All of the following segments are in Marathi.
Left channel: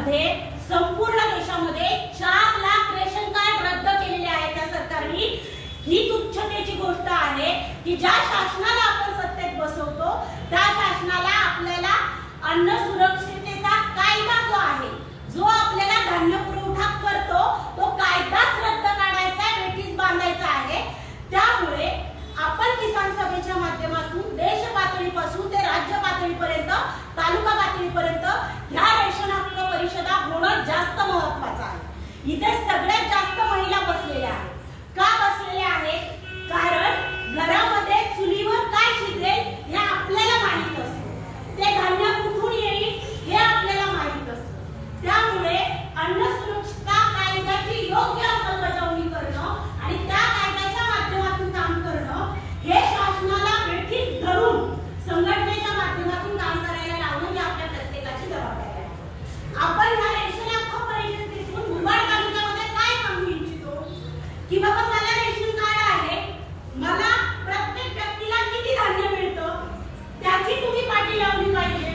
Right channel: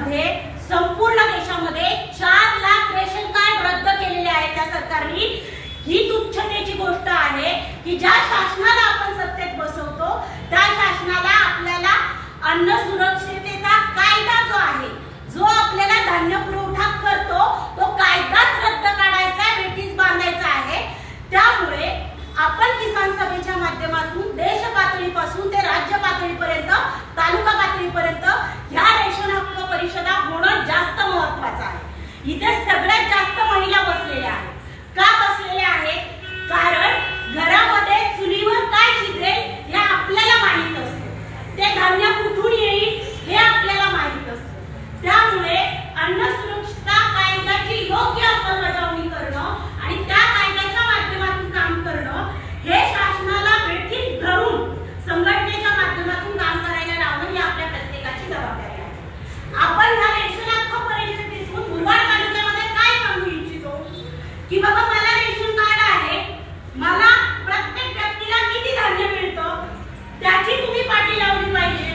राज्यामध्ये संपूर्ण देशामध्ये 4 लाख रेशन कार्ड रद्द केलेले आहे त्या सरकारने। ही तुच्छतेची गोष्ट आहे की ज्या शासनाला आपण सत्तेत बसवतो त्या शासनाला आपल्याला अन्न सुरक्षिततेचा कायदा जो आहे, जो आपल्याला धान्य पुरवठा करतो, तो कायदाच रद्द काढायचा, वेठीस बांधायचा आहे। त्यामुळे आपण किसान सभेच्या माध्यमातून देश पातळीपासून ते राज्य पातळीपर्यंत, तालुका पातळीपर्यंत ह्या रेशन हक्क परिषदा होणं जास्त महत्त्वाचं आहे। इथे सगळ्यात जास्त महिला बसलेल्या आहेत। का बसलेल्या आहेत? कारण घरामध्ये चुलीवर काय शिजेल हे आपल्याला माहित असतं, ते धान्य कुठून येईल हे आपल्याला माहित असतं। त्यामुळे अन्न सुरक्षितता कायद्याची योग्य अंमलबजावणी करणं आणि त्या कायद्याच्या माध्यमातून काम करणं हे शासनाला वेठीस धरून संघटनेच्या माध्यमातून काम करायला लावणं ही आपल्या प्रत्येकाची जबाबदारी आहे। आपण ह्या रेशन हक्क परिषदेतून मुरबाड तालुक्यामध्ये काय सांगू इच्छितो की बाबा मला रेशन कार्ड आहे, मला प्रत्येक व्यक्तीला किती धान्य मिळतं त्याची तुम्ही पाटी लावली पाहिजे।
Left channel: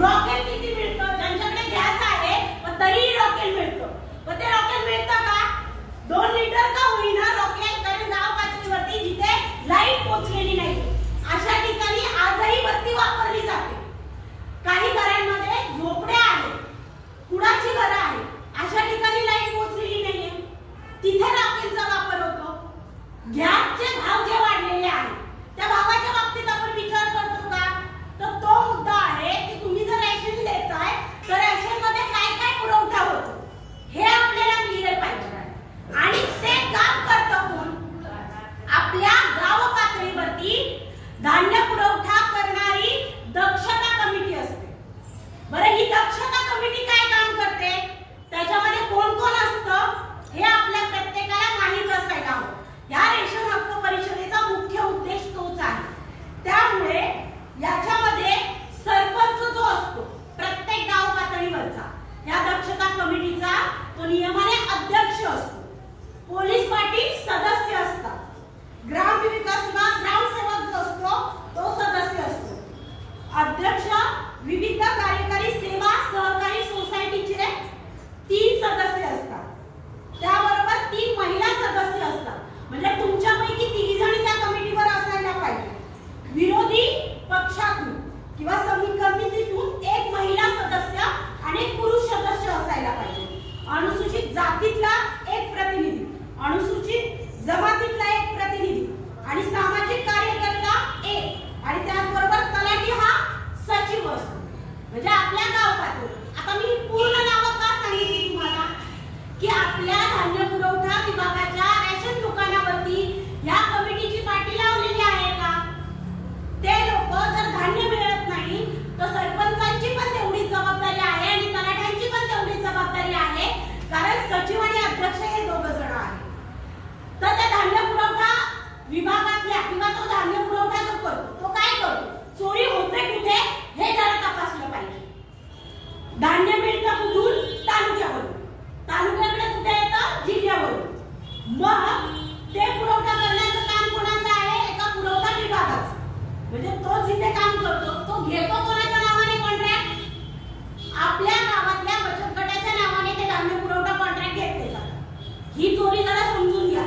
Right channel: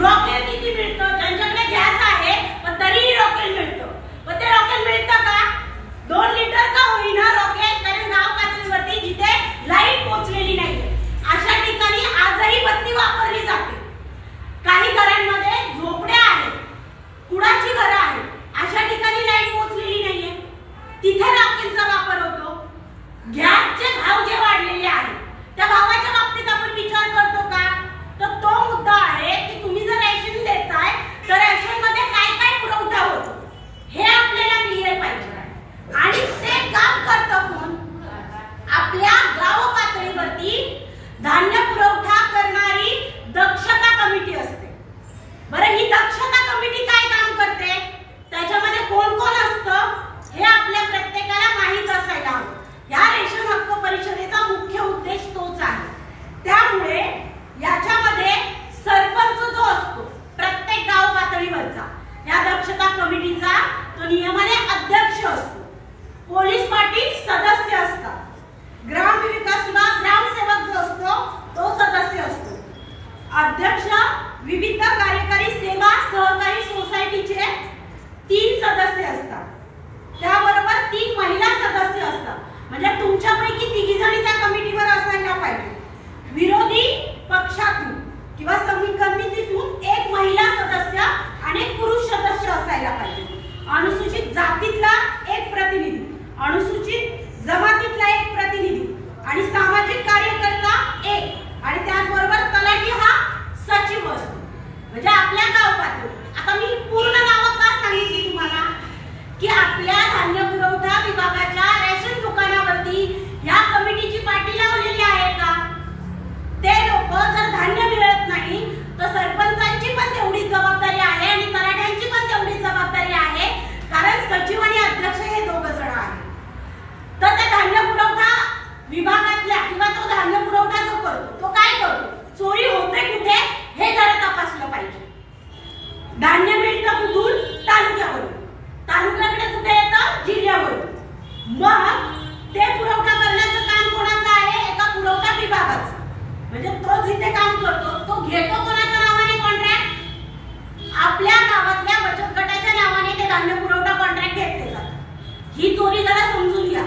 रॉकेल किती मिळतं? ज्यांच्याकडे गॅस आहे पण तरीही रॉकेल मिळतं, पण ते रॉकेल मिळतं का? 2 लिटर का होईना रॉकेल, कारण गाव पातळीवरती जिथे लाईट पोहोचलेली नाही अशा ठिकाणी आजही बत्ती वापरली जाते। काही घरांमध्ये झोपड्या आहेत, कुडाची घरं आहेत, अशा ठिकाणी लाईट पोहोचलेली नाहीये, तिथे रॉकेलचा वापर होतो। गॅसचे भाव जे वाढलेले आहेत त्या भावाच्या बाबतीत आपण विचार करतो का? तर तो मुद्दा आहे की तुम्ही जर रेशन देताय तर रेशन मध्ये काय काय पुरवठा होतो हे आपल्याला क्लिअर पाहिजे। आणि ते काम करतं कोण? आपल्या गाव पातळीवरती धान्य पुरवठा करणारी दक्षता कमिटी असते। बरं, ही दक्षता कमिटी काय काम करते? त्याच्यामध्ये कोण कोण असतं हे आपल्या प्रत्येकाला माहित असायला हवं। या रेशन हक्क परिषदेचा मुख्य उद्देश तोच आहे। त्यामुळे याच्यामध्ये सरपंच जो असतो प्रत्येक गाव पातळीवरचा, या दक्षता कमिटीचा तो नियमाने अध्यक्ष असतो, पोलीस पाटील सदस्य असतात, ग्रामविकास विभाग ग्रामसेवक जो असतो तो सदस्य असतो, अध्यक्ष विविध कार्यकारी सेवा सहकारी सोसायटीचे 3 सदस्य असतात, त्याबरोबर 3 महिला सदस्य असतात। म्हणजे तुमच्यापैकी 3 जणी त्या कमिटीवर असायला पाहिजे। विरोधी पक्षातून किंवा समितीतून 1 महिला सदस्य आणि 1 पुरुष सदस्य असायला पाहिजे। अनुसूचित जातीतला 1 प्रतिनिधी, अनुसूचित जमातीतला 1 प्रतिनिधी आणि सामाजिक कार्यकर्ता 1 आणि त्याचबरोबर तलाठी हा सचिव असतो। म्हणजे आपल्या गाव पातळी, आता मी पूर्ण नावं का सांगितली तुम्हाला की आपल्या धान्य पुरवठा विभागाच्या रेशन दुकानावरती ह्या कमिटीची पाटी लावलेली आहे का? ते लोक जर धान्य मिळत नाही तर सरपंचांची पण तेवढीच जबाबदारी आहे आणि तलाठ्यांची पण तेवढीच जबाबदारी आहे, कारण सचिव आणि अध्यक्ष हे 2 जण आहेत। तर त्या धान्य पुरवठा विभागातल्या किंवा तो धान्य पुरवठा जो करतो तो काय करतो? चोरी होते कुठे हे जरा तपासलं पाहिजे। धान्य मिळतं कुठून? तालुक्यावरून, तालुक्याकडे कुठे येतं? जिल्ह्यावरून। मग ते पुरवठा करण्याचं काम कोणाचं आहे? एका पुरवठा विभागाचं। म्हणजे तो जिथे काम करतो तो घेतो कोणाच्या नावाने कॉन्ट्रॅक्ट? आपल्या गावातल्या बचत गटाच्या नावाने ते धान्य पुरवठा कॉन्ट्रॅक्ट घेतले जातात। ही चोरी जरा समजून घ्या।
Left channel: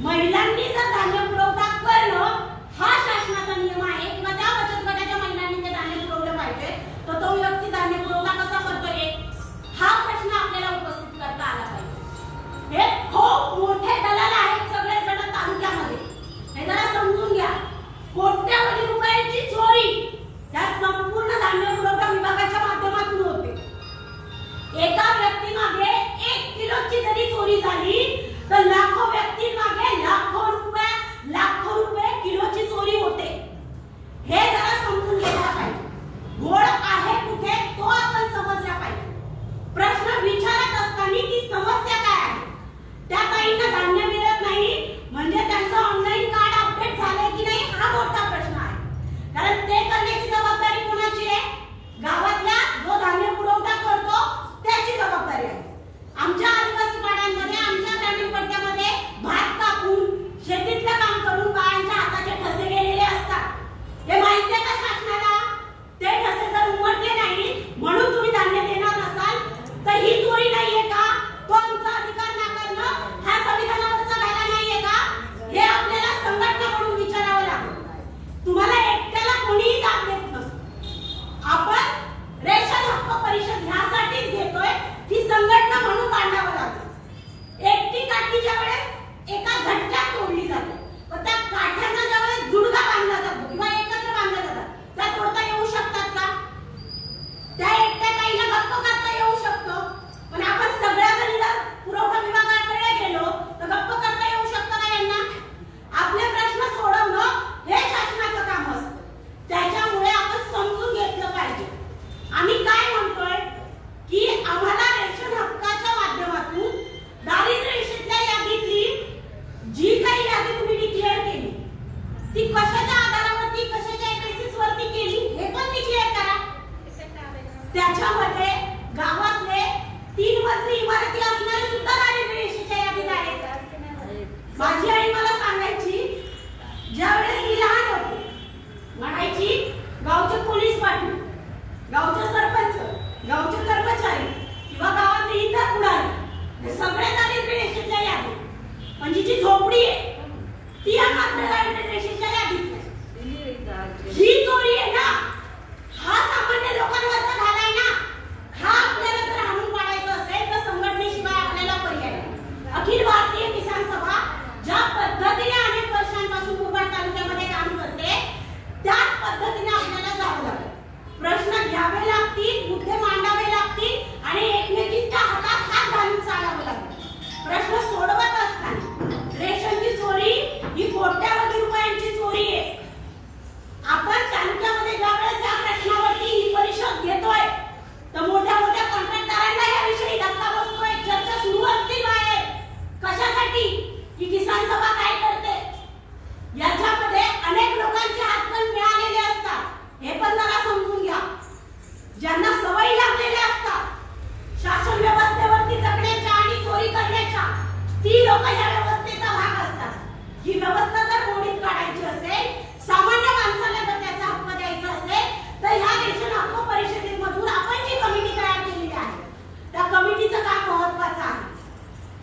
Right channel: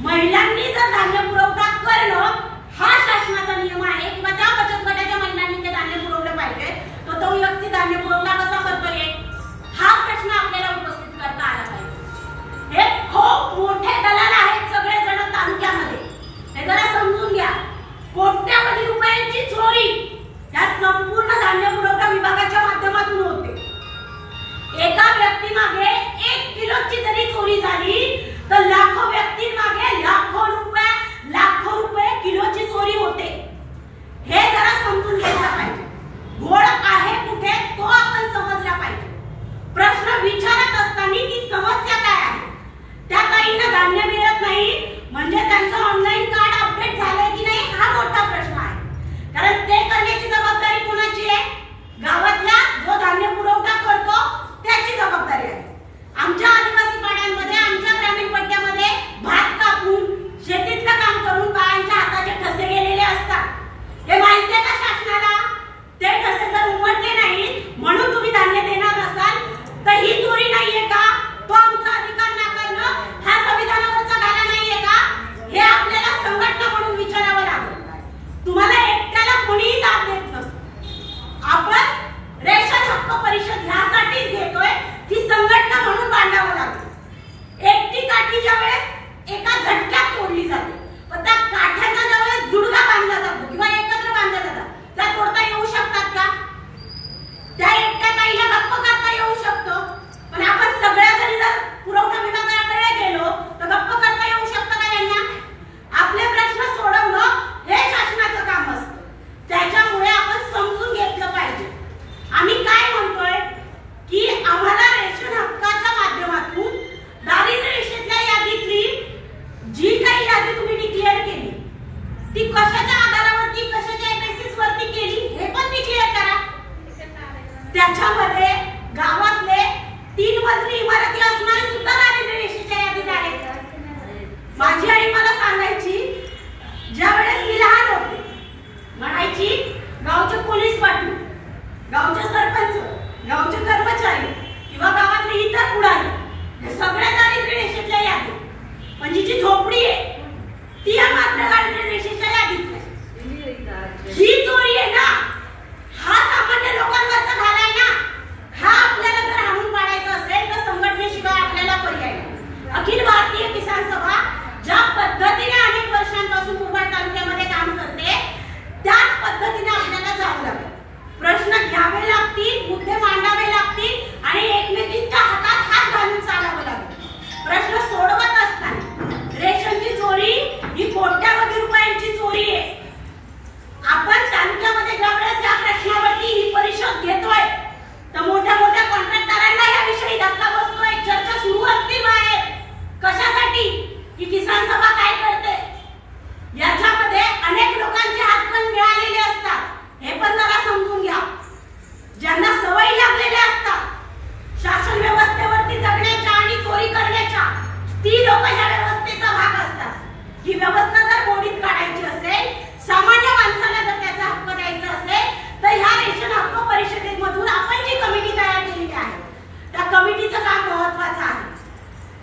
महिलांनी जर धान्य पुरवठा करणं हा शासनाचा नियम आहे किंवा त्या बचत गटाच्या महिलांनी ते धान्य पुरवलं पाहिजे, तर तो व्यक्ती धान्य पुरवठा कसा करतो हा प्रश्न आपल्याला उपस्थित करता आला पाहिजे। हे खूप मोठे दलाल आहेत सगळे जण तालुक्यामध्ये, हे जरा समजून घ्या। कोट्यावधी रुपयांची चोरी या संपूर्ण धान्य पुरवठा विभागाच्या माध्यमातून होते। एका व्यक्तीमागे 1 किलोची जरी चोरी झाली तर लाखो व्यक्तींमागे लाखो रुपये किलोची चोरी होते। हे जरा समजून घ्यायला पाहिजे। घोळ आहे कुठे तो आपण समजला पाहिजे।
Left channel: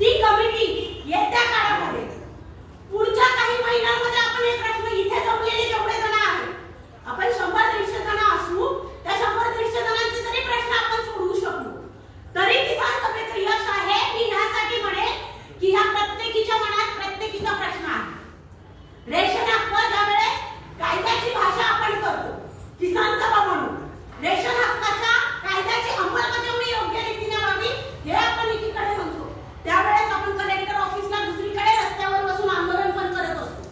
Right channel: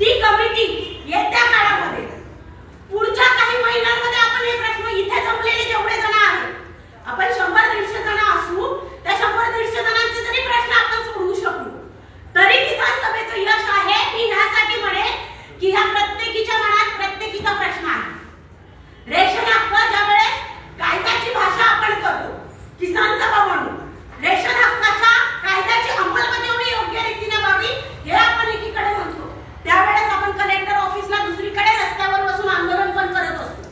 ती कमिटी येत्या काळामध्ये पुढच्या काही महिन्यांमध्ये आपण हे प्रश्न इथे जमलेले जेवढे जण आहेत आपण 100-150 जण असू त्या 100-150 जणांचे जरी प्रश्न आपण सोडवू शकू तरी किसान सभेचं यश आहे की ह्यासाठी म्हणेल की ह्या प्रत्येकीच्या मनात प्रत्येकीचा प्रश्न आहे। रेशन हक्क ज्यावेळेस कायद्याची भाषा आपण करतो किसान सभा म्हणून रेशन हक्काच्या कायद्याची अंमलबजावणी योग्य रीतीने व्हावी हे आपण एकीकडे म्हणतो त्यावेळेस आपण कलेक्टर ऑफिसला दुसरीकडे रस्त्यावर बसून आंदोलन पण करत असतो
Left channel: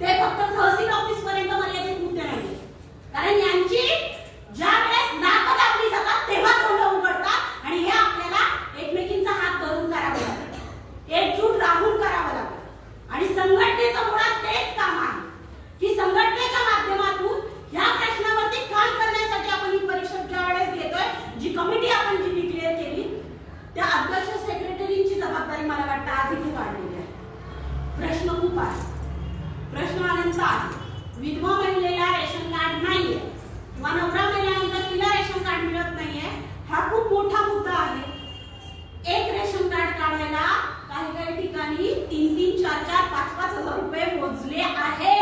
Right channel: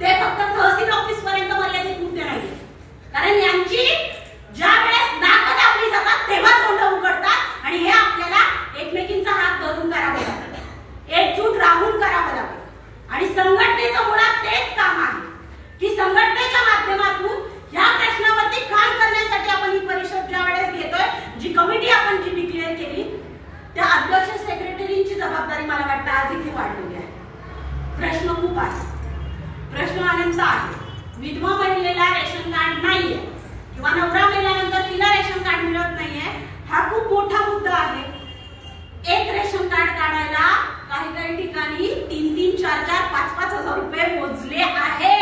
ते फक्त तहसील ऑफिस पर्यंत मर्यादित मुद्दे नाहीये कारण यांची ज्या वेळेस नाकं दाबली जातात तेव्हा तोंड उघडतात आणि हे आपल्याला एकमेकींचा हात धरून करावं लागतं एकजूट राहून करावं लागतं आणि संघटनेचं मुळात तेच काम आहे की संघटनेच्या माध्यमातून या प्रश्नावरती काम करण्यासाठी आपण ही परिषद ज्या वेळेस घेतोय जी कमिटी आपण जी डिक्लेअर केली त्या अध्यक्ष सेक्रेटरीची जबाबदारी मला वाटतं आज इथे वाढलेली आहे। प्रश्न खूप आहे प्रश्न अनंत आहे विधवा महिलेला रेशन कार्ड नाहीये किंवा नवरा मेल्यानंतर तिला रेशन कार्ड मिळत नाहीये हा खूप मोठा मुद्दा आहे। एक रेशन कार्ड काढायला काही काही ठिकाणी 3-3, 4-4, 5-5 हजार रुपये मोजले आहे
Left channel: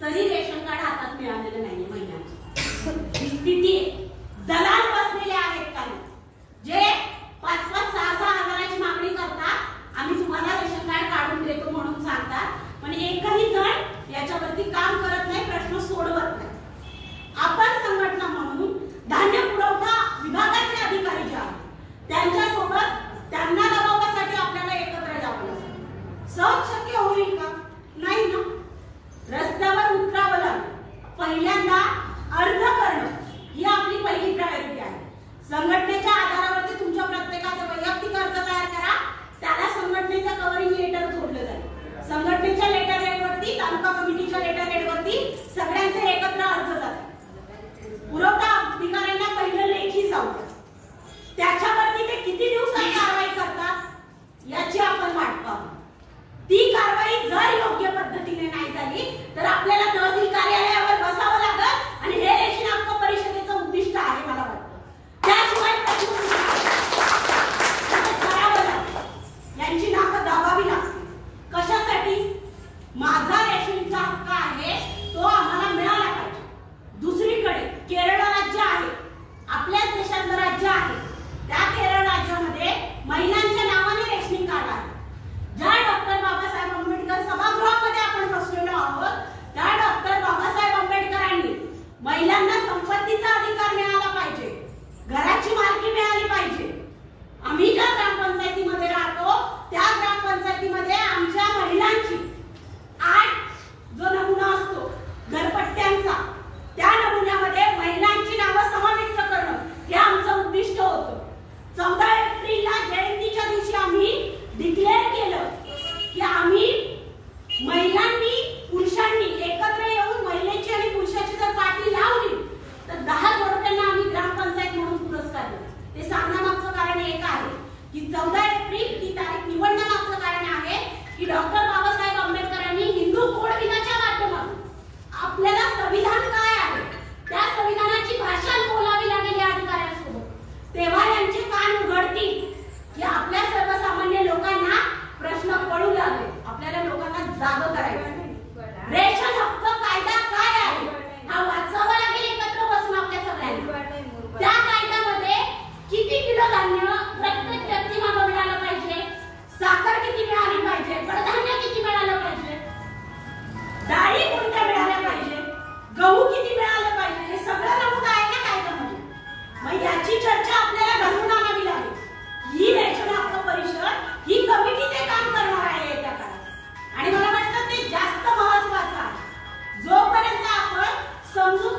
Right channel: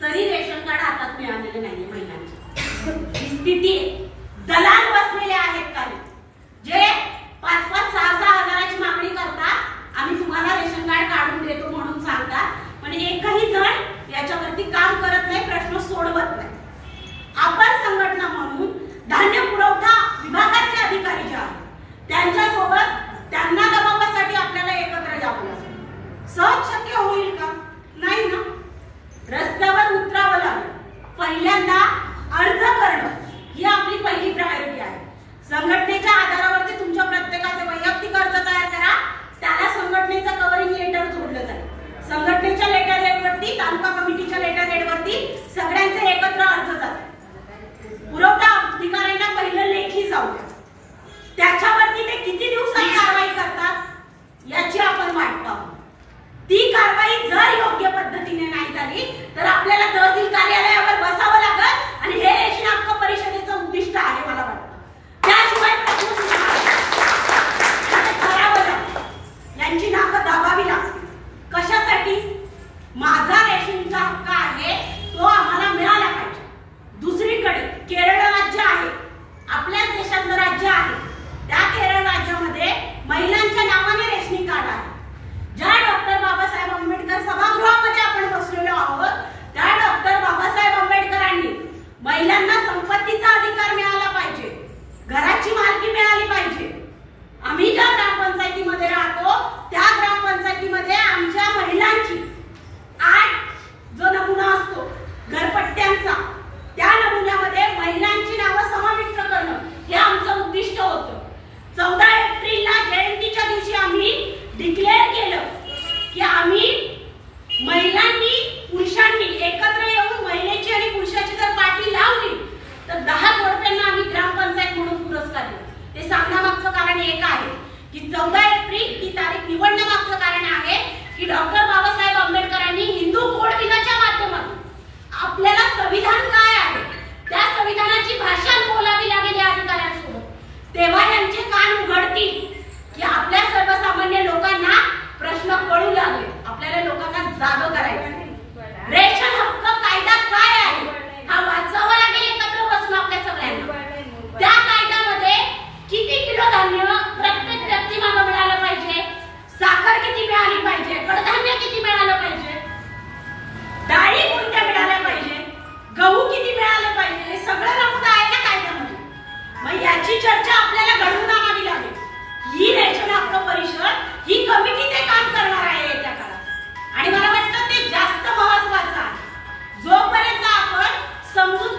तरी रेशन कार्ड हातात मिळालेलं नाहीये महिलांची ही स्थिती दलाल बसलेले आहेत काही जे 5-5, 6-6 हजाराची मागणी करतात आम्ही तुम्हाला रेशन कार्ड काढून देतो म्हणून सांगतात पण एकही जण याच्यावरती काम करत नाही प्रश्न सोडवत नाही। आपण संघटना म्हणून धान्य पुरवठा विभागाचे अधिकारी जे आहेत त्यांच्यासोबत त्यांना दबावासाठी आपल्याला एकत्र जावं लागेल सहज शक्य होईल का नाही ना रस्त्यावर उतरावं लागेल पहिल्यांदा अर्ज करणं ही आपली पहिली प्रायोरिटी आहे। संघटनेच्या आधारावरती तुमच्या प्रत्येकाचे वैयक्तिक अर्ज तयार करा त्याला संघटनेचं कव्हरिंग लेटर जोडलं जाईल संघटनेच्या लेटर हेडवरती तालुका कमिटीच्या लेटर हेडवरती सगळ्यांचे एकत्र अर्ज जातात पुरवठा अधिकाऱ्यांना पहिलं लेखी जाऊ द्या त्याच्यावरती ते किती दिवसात कारवाई करतात याची आपण वाट पाहू ती कारवाई जर योग्य पद्धतीने नाही झाली तर आपल्याला तहसील कार्यालयावर बसावं लागेल आणि हे रेशन हक्क परिषदेचं उद्दिष्ट आहे मला वाटतं त्याशिवाय करावं लागेल यांची नाकं दाबावी लागतील कशासाठी माझा रेशनचा हक्क आहे तो आम्हाला मिळाला पाहिजे। दुसरीकडे केरळ राज्य आहे आपल्याच देशातलं राज्य आहे त्या केरळ राज्यामध्ये महिलांच्या नावाने रेशनिंग कार्ड आहे ज्या डॉक्टर बाबासाहेब आंबेडकर सभागृहामध्ये आपण बसलेलो आहोत त्या डॉक्टर बाबासाहेब आंबेडकरांनी महिलांना संपत्तीचा अधिकार मिळाला पाहिजे घराची मालकी मिळाली पाहिजे। आम्ही ज्या ग्रामपंचायतीमध्ये राहतो त्या ग्रामपंचायतीमध्ये आमच्या महिलांची 8 जो नमुना असतो घरपट्ट्यांचा त्या नमुन्यामध्ये महिलांची नावं समाविष्ट करणं हे आमचं उद्दिष्ट होतं। 14 एप्रिलला जयंतीच्या दिवशी आम्ही डिक्लेअर केलं की आम्ही महिलांनी पुरुषांनी एकत्र येऊन महिलेची आणि पुरुषाची जर पाठी लावली तर 10 जोडप्यांना आम्ही ग्रामपंचायत म्हणून पुरस्कार देऊ। ते सांगण्यामागचं कारण एक आहे की 14 एप्रिल ही तारीख निवडण्यामागचं कारण आहे की डॉक्टर बाबासाहेब आंबेडकरांनी हिंदू कोड बिलाच्या माध्यमातून आपल्याला संविधान काय आहे त्या संविधानाची भाषा बोलावी लागेल या अधिकाऱ्यांसोबत तेव्हा यांचे कान उघडतील की आपल्या सर्वसामान्य लोकांना प्रश्न कळू लागले आपल्याला लोकांना जागं करायचं रेशन हक्क कायदा काय आहे हा वाचावा लागेल एकत्र बसून आपल्या सगळ्यांना त्या कायद्यामध्ये किती किलो धान्य प्रत्येक व्यक्ती मागे मिळालं पाहिजे साखर किती मिळाली पाहिजे कडधान्य किती मिळालं पाहिजे डाळी कोणत्या मिळाल्या पाहिजे गहू किती मिळाले पाहिजे हे सगळं नमूद आहे ना कायद्यामध्ये मग याची चर्चा आपल्याला घडवून आणावी लागेल ही रेशन हक्क परिषद ही कमिटी ते काम करणार आहे येत्या काळात आणि मला वाटतं ते जास्त महत्त्वाचं आहे जोपर्यंत आपण समजून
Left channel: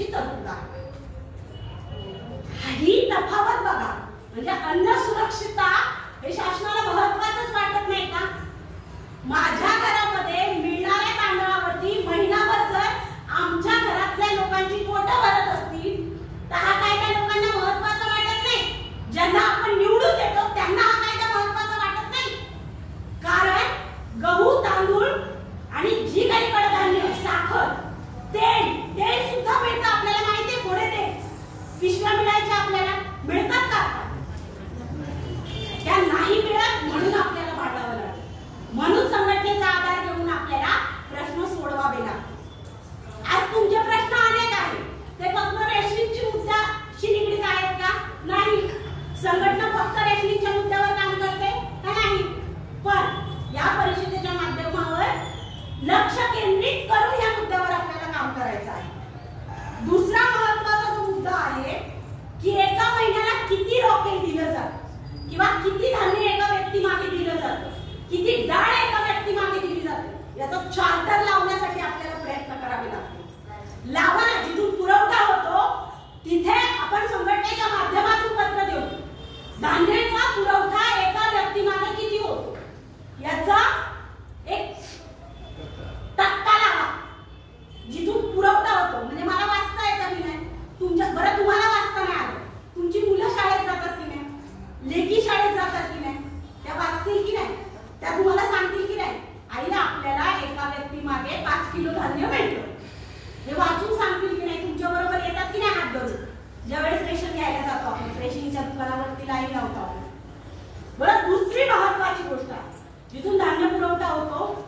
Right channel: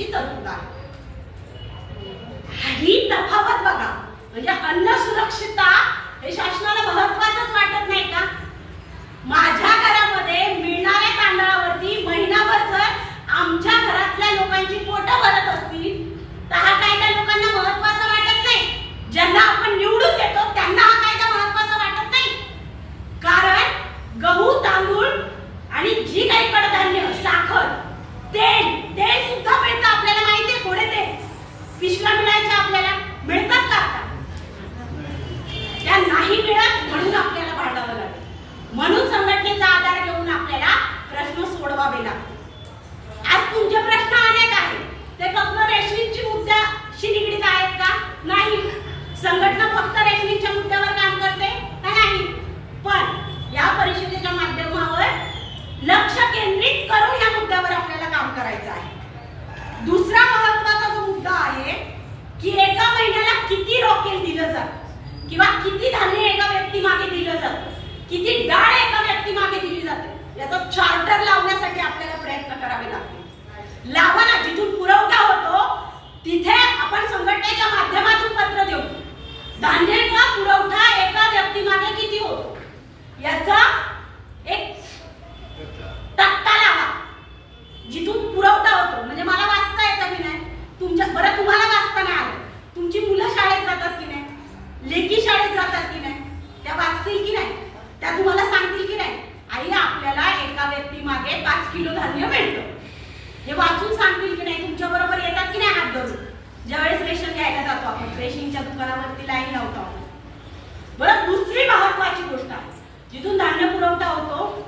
करण्याची तरतूद आहे. ही तफावत बघा. म्हणजे अन्न सुरक्षितता हे शासनाला महत्त्वाचंच वाटत नाही का? माझ्या घरामध्ये मिळणाऱ्या तांदळावरती महिनाभर जर आमच्या घरातल्या लोकांची पोटं भरत असतील तर हा कायदा लोकांना महत्त्वाचा वाटत नाही. ज्यांना आपण निवडून देतो त्यांना हा कायदा महत्त्वाचा वाटत नाही. कारण गहू, तांदूळ आणि जी काही कडधान्य, साखर, तेल सुद्धा मिळतं. आपल्याला माहिती आहे थोडे ते पिशव्या मिळायच्या आपल्याला मिळतात का? त्या नाही मिळत म्हणून आपल्याला भांडावं लागेल. म्हणून संघटनेचा आधार घेऊन आपल्याला प्रश्न सोडवावे लागतात. आज तुमचे प्रश्न अनेक आहेत. ते फक्त रेशनिंगची मुद्द्याशी निगडीत आहेत का? नाही. संघटना फक्त रेशनिंगच्या मुद्द्यावर काम करते का? नाही. पण या परिषदेच्या माध्यमावर लक्ष केंद्रित करून या मुद्द्यावर आपल्याला काम करायचं आहे. दुसरा महत्त्वाचा जो मुद्दा आहे की एका महिन्याला किती रॉकेल दिलं जातं किंवा किती धान्य एका व्यक्ती मागे दिलं जातं, किती डाळ एका व्यक्ती मागे दिली जाते, याचा चार्टर लावण्यासाठी आपल्याला प्रयत्न करावे लागतील. लावा ना. जिथून पुरवठा होतो तिथे आपण संघटनेच्या माध्यमातून पत्र देऊ. धान्याचा पुरवठा एका व्यक्ती मागे किती होतो याचा एक तक्ता लावा. जिथून पुरवठा होतो म्हणजे मला वाचता येतं की नाही? बरं तुम्हाला वाचता नाही आलं, तुमची मुलं शाळेत जातात की नाही, लेकी शाळेत जातात की नाही, त्या वाचतील की नाही, त्या तुम्हाला सांगतील की नाही आई आपल्याला एका व्यक्ती मागे 5 किलो धान्य मिळतं, हे वाचून सांगतील की नाही? तुमच्या बरोबर येतात की नाही हात धरून? ज्यावेळेस रेशन घ्यायला जातो आपण, रेशनिंगच्या दुकानावरती लाईन लावतो आपण. बरं, दुसरी महत्वाची गोष्ट आहे, जिथून धान्य पुरवठा होतो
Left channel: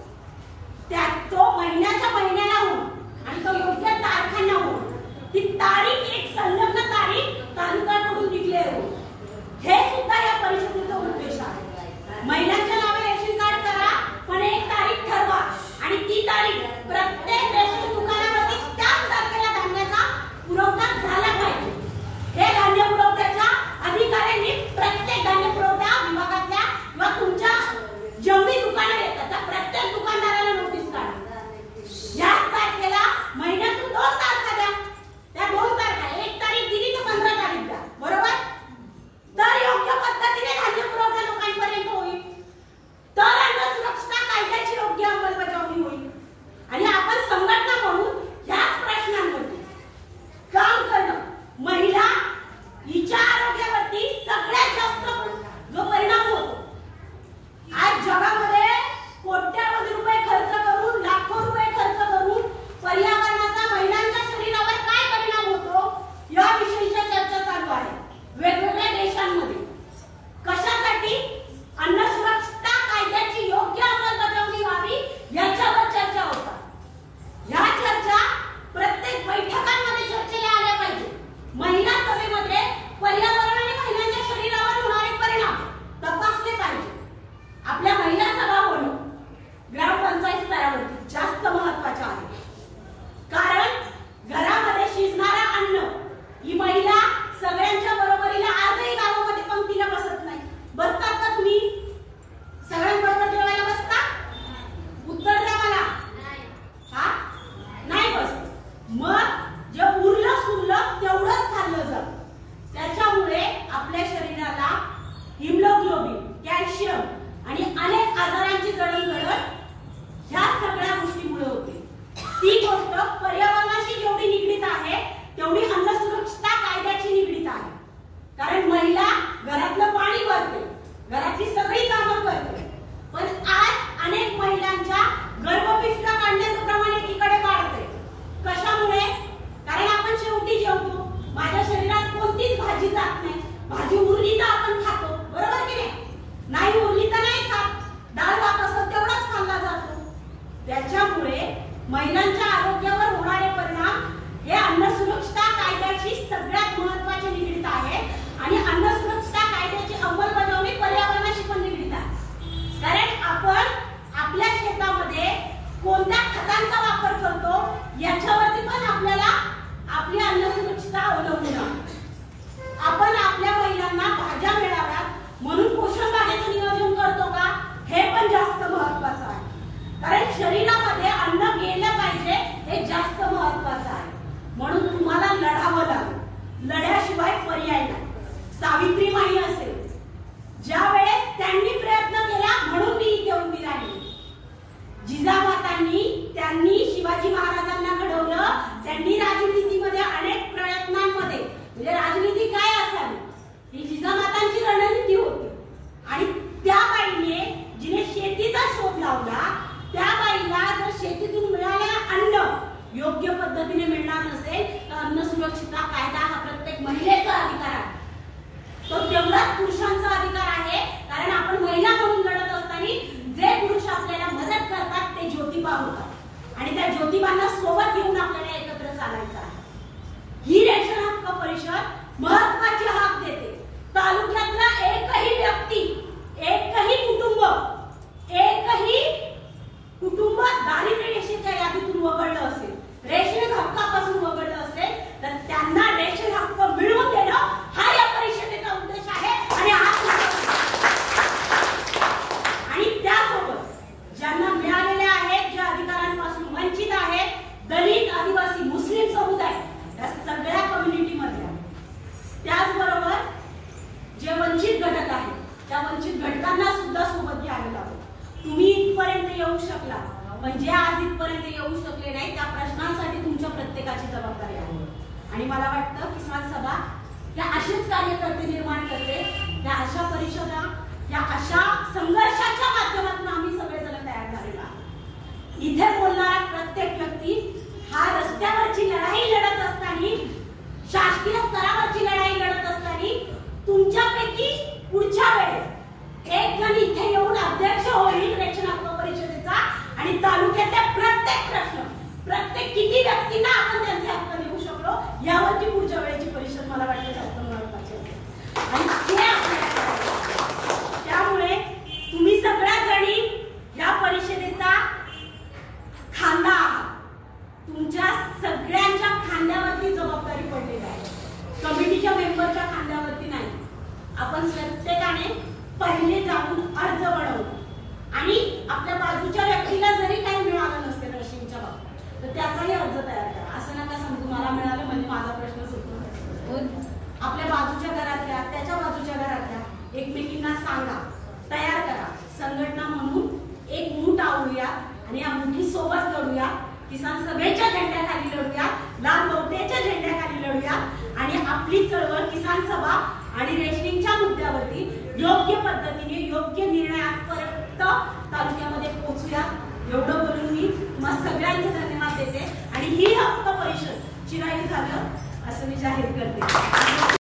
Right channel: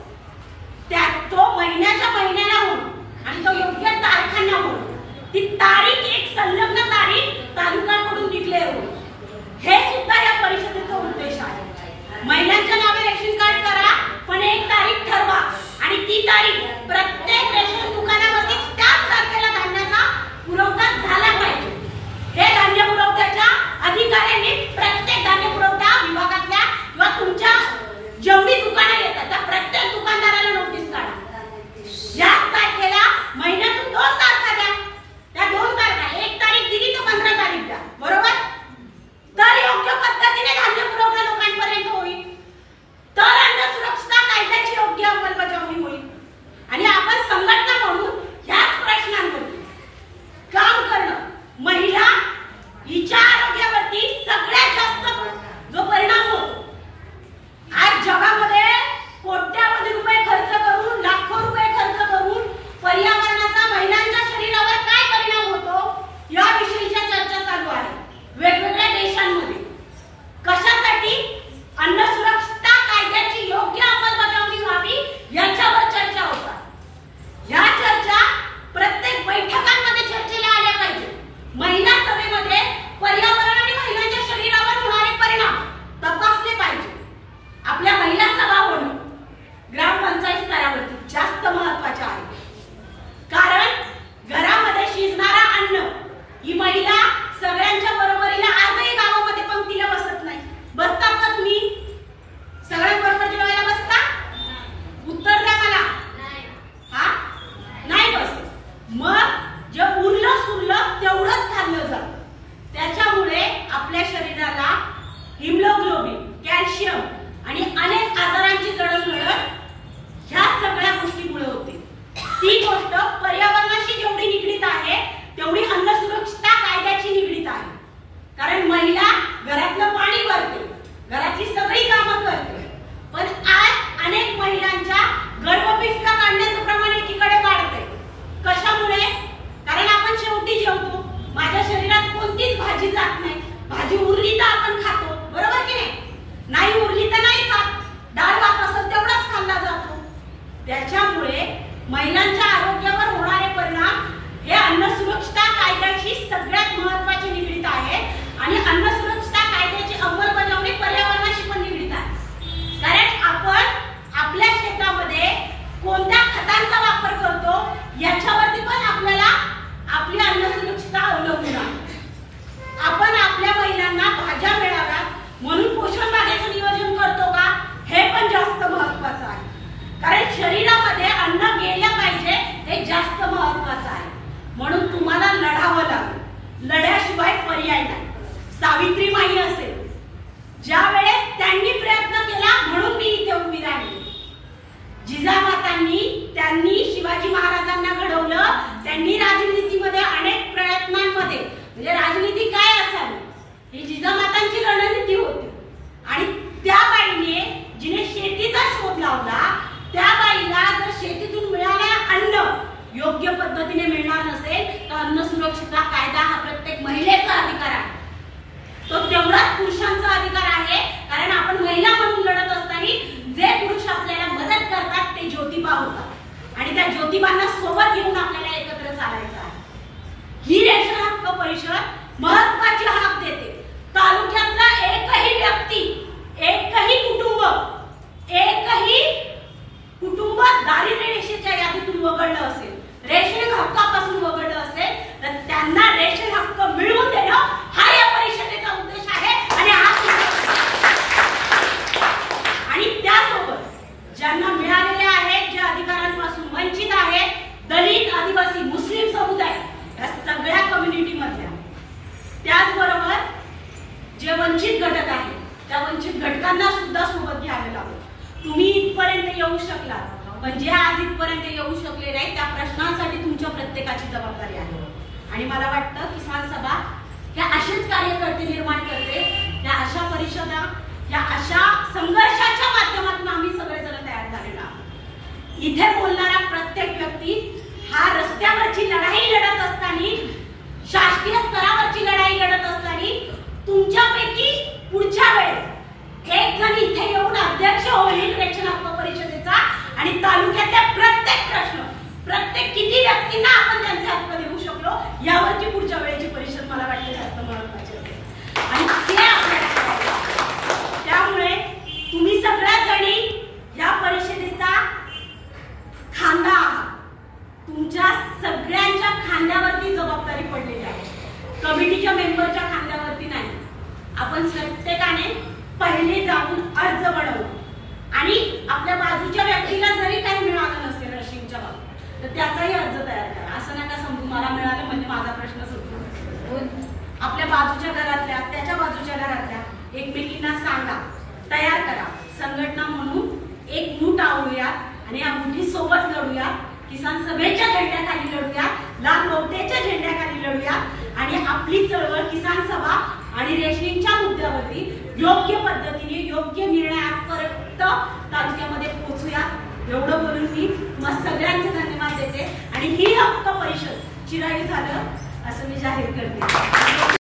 तो महिन्याच्या महिन्याला होऊन आणि तो योग्य तारखांना होऊन ती तारीख एक संलग्न तारीख तालुक्याकडून डिक्लेअर होईल. हे सुद्धा या परिषदेचा उद्देश आहे. महिलांच्या नावे रेशन कार्ड करा, पण एक तारीख ठरवा आणि ती तारीख प्रत्येक रेशन दुकानावरती त्याच तारखेला धान्याचा पुरवठा झाला पाहिजे. हे धान्य पुरवठ्याच्या अधिकाऱ्यांनी प्रत्येक धान्य पुरवठा विभागातल्या किंवा तुमच्या जेवढी दुकानं येतात त्या प्रत्येक दुकानदाराला नोटीस काढा. याच तारखेला महिन्यात सुरक्षितता कायदा हा प्रत्येक महिलेचा अधिकार आहे, तो तेवढाच पुरुषांचा अधिकार आहे. कारण आपण महिला म्हणून लढत असताना जे पुरुष आपल्याला मदत करतात ते ज्योतिबा होतात आणि त्या ज्योतिबांना सोबत घेऊन आपल्याला एकत्र चालायचं आहे. ही रेशन हक्क परिषद महत्त्वाची हाक देते. तालुक्यातला एकही व्यक्ती, एकही कुटुंब दारिद्र्य रेषेच्या यादीतून वगळलं असेल, रेशन हक्कापासून वगळलं असेल, तर त्यांना रेशन हक्क मिळवून देणं हा या परिषदेचा उद्देश आहे. आणि त्यासोबत ज्यांना मिळालेले आहेत, जे अधिकारांपासून वंचित आहेत, दलित, आदिवासी, मुस्लिम समुदाय या सगळ्या कम्युनिटी मधल्या, त्याचबरोबर जे वंचित घटक आहेत त्या वंचित घटकांना सुद्धा सोबत घ्यावे लागेल. तुम्ही इथपर्यंत येऊ शकला, पण जे आज इथपर्यंत येऊ शकले नाही त्या प्रश्नांसाठी तुमच्या प्रत्येकाची जबाबदारी आहे. आणि मला वाटतं किसान सभा या असेच कार्यकर्ते निर्माण करते, त्या अशा परिषदा, या अशा संघर्षाच्या माध्यमातून आम्ही सगळेजण तयार झालेलो आहोत. इथे बोलणारा प्रत्येक व्यक्ती हा रस्त्यावरची लढाई लढत असताना, शासकीय स्तरावरची लढाई लढत असताना तुमच्यापैकी पुढच्या वेळेस एक जण इथे येऊन अध्यक्ष होईल रेशन हक्क परिषदेचा आणि तालुक्यातल्या प्रत्येक प्रश्न, प्रत्येक किती व्यक्तींना आपण त्यांचे हक्क देऊ शकलो यावरची पुढच्या वेळेची परिषद मला वाटते जास्त महत्त्वाची असेल. आणि ते आपल्याला त्यामुळे तुम्ही सगळ्या जणी या परिषदेचा खांदा आहात. तुमच्या सगळ्यांच्या खांद्यावरती जबाबदारी पडलेली आहे, कमिटीच्या मेंबरच्या खांद्यावरती नाही. आपण प्रत्येकाने पहिले जाऊन अर्ज बनवू आणि आपल्या बाजूच्या व्यक्तीला जरी काही मिळालं नसेल रेशनिंगच्या बाबतीत तर त्याचाही अर्ज तयार करा. असं नका समजू मला मिळालं म्हणजे माझा प्रश्न सुटतो. आपल्या बाजूच्या घरातल्या, त्याच्या बाजूच्या घरातल्या एकमेकींना सांगा, तयार करा. संघटना म्हणून एक मूठ आवळूया आणि या मुठी सोबत लढूया. किसान सभेच्या झेंड्याखाली लढूया, लाल बौद्धाच्या झेंड्याखाली लढूया आणि आपली चळवळ किसान सभा आणि रेशनिंगच्या मुद्द्यावरती योग्य पद्धतीने योग्य निर्णयापर्यंत तालुक्यामध्ये पोहोचूया. एवढं बोलून मी सगळ्यांचे धन्यवाद देते आणि ही हक्क परिषद चिरायू झालं असं मी जाहीर करते.